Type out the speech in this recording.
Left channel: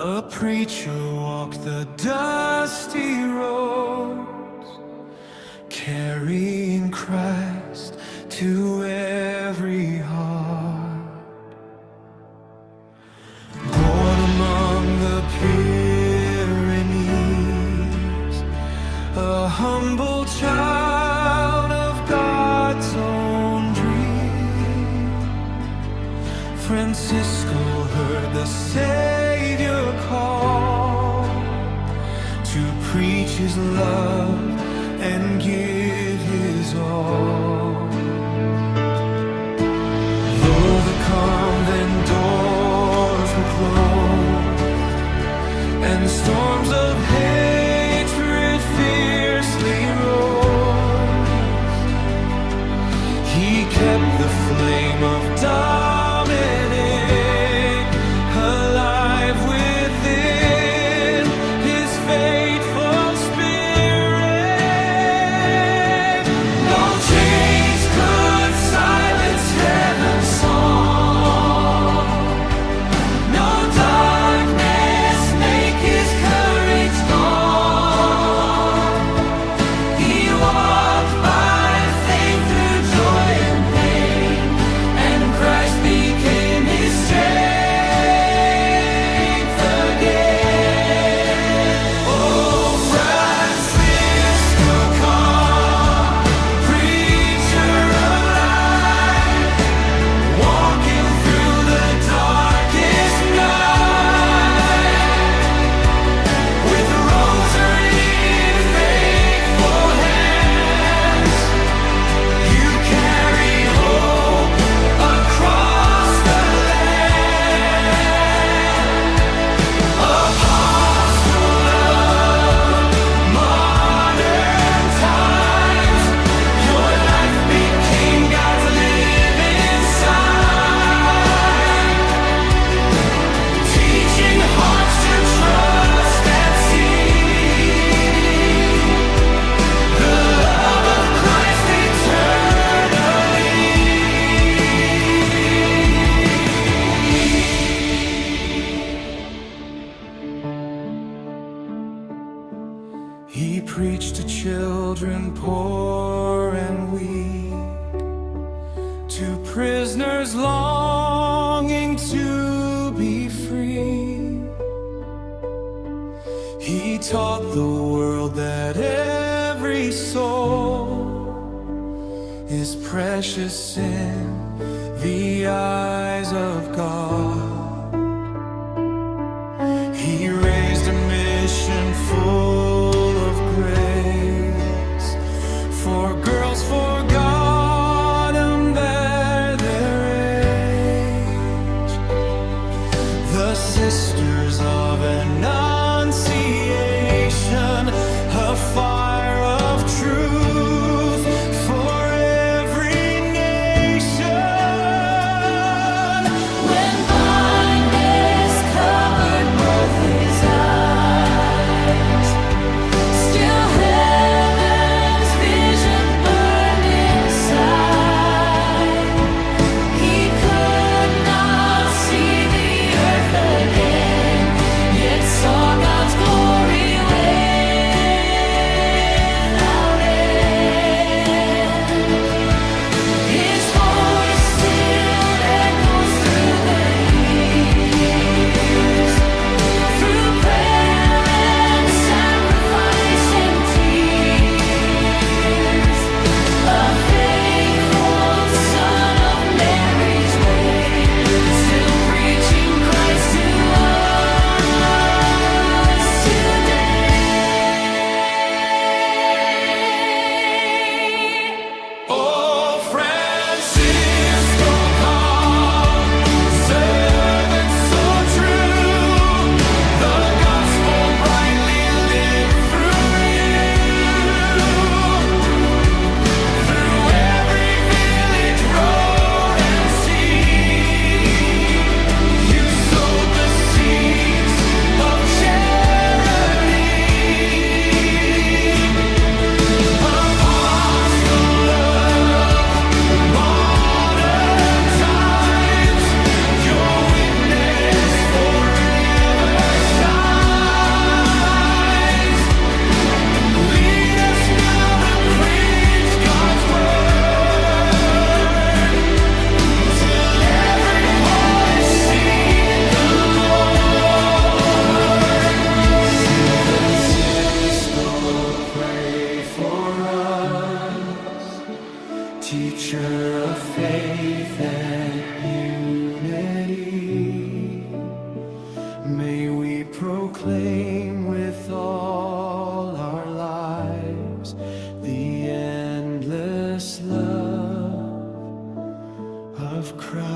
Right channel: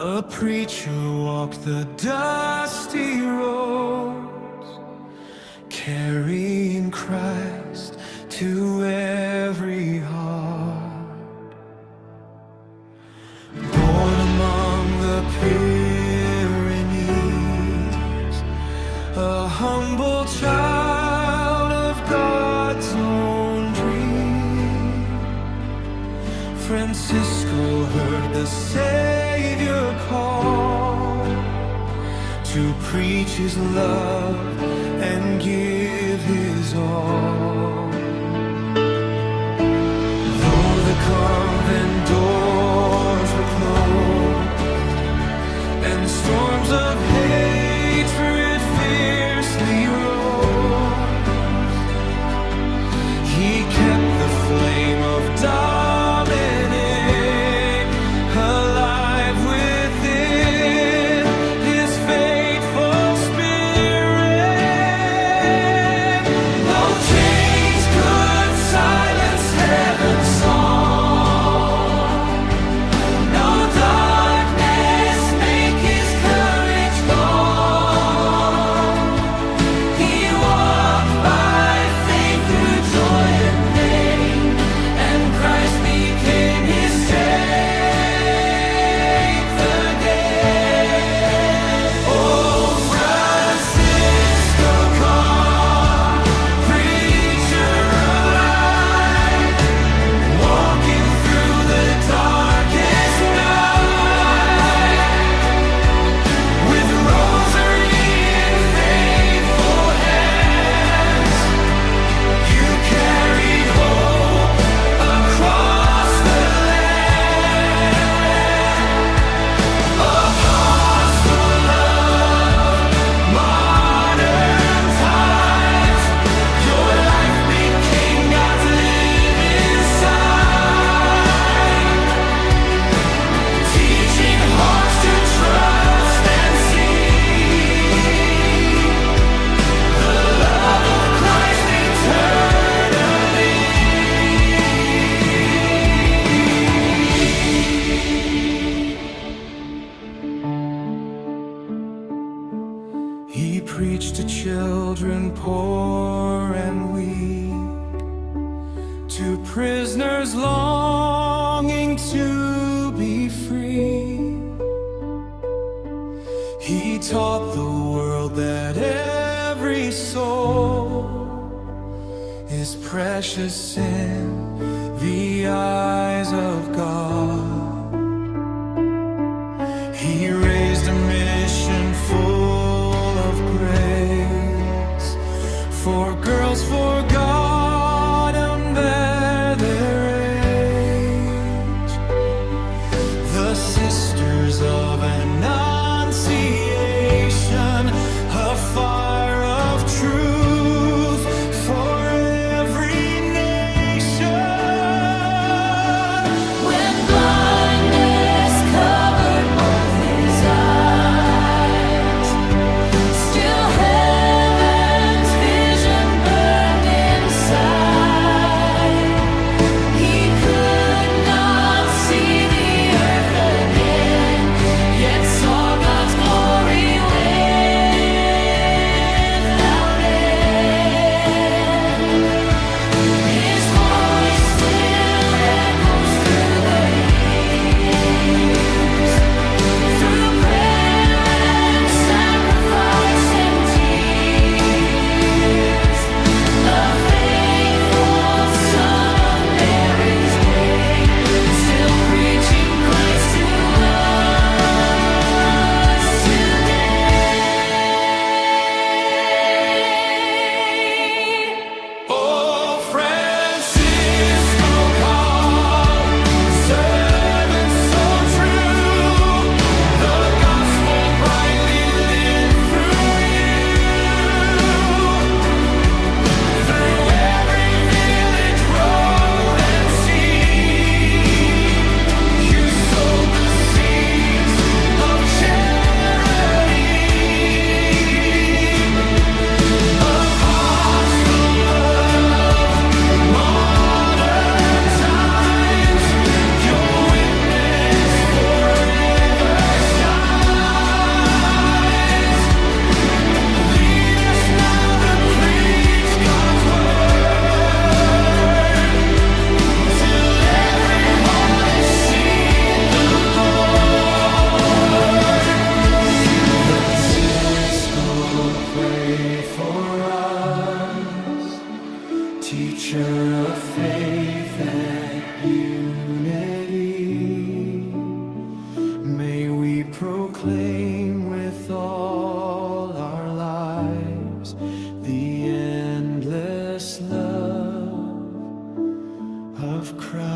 A preacher walked the dusty roads, carrying Christ to every heart. Born among the Pyrenees, a humble child of God's own dream, Francisco heard the Savior call to preach his love and give his all. Though the convent doors were closed and storms of hatred fiercely rose, he kept the flame of Dominic alive within his faithful spirit. No chains could silence heaven's song, no darkness make his courage gone. He walked by faith through joy and pain, and Christ became his strength. He preached to children poor and weak, to prisoners longing to be free. He taught the world that every soul is precious in the eyes of God. He raised a mission full of grace for girls forgotten their age, the sisters of Annunciation, a fire of truth for every nation. When blindness covered both his eyes, still heaven's vision burned inside. He could not see the earth again, yet saw God's glory without end. Teacher of faith and unity, may we proclaim with all our lives the endless love of Christ.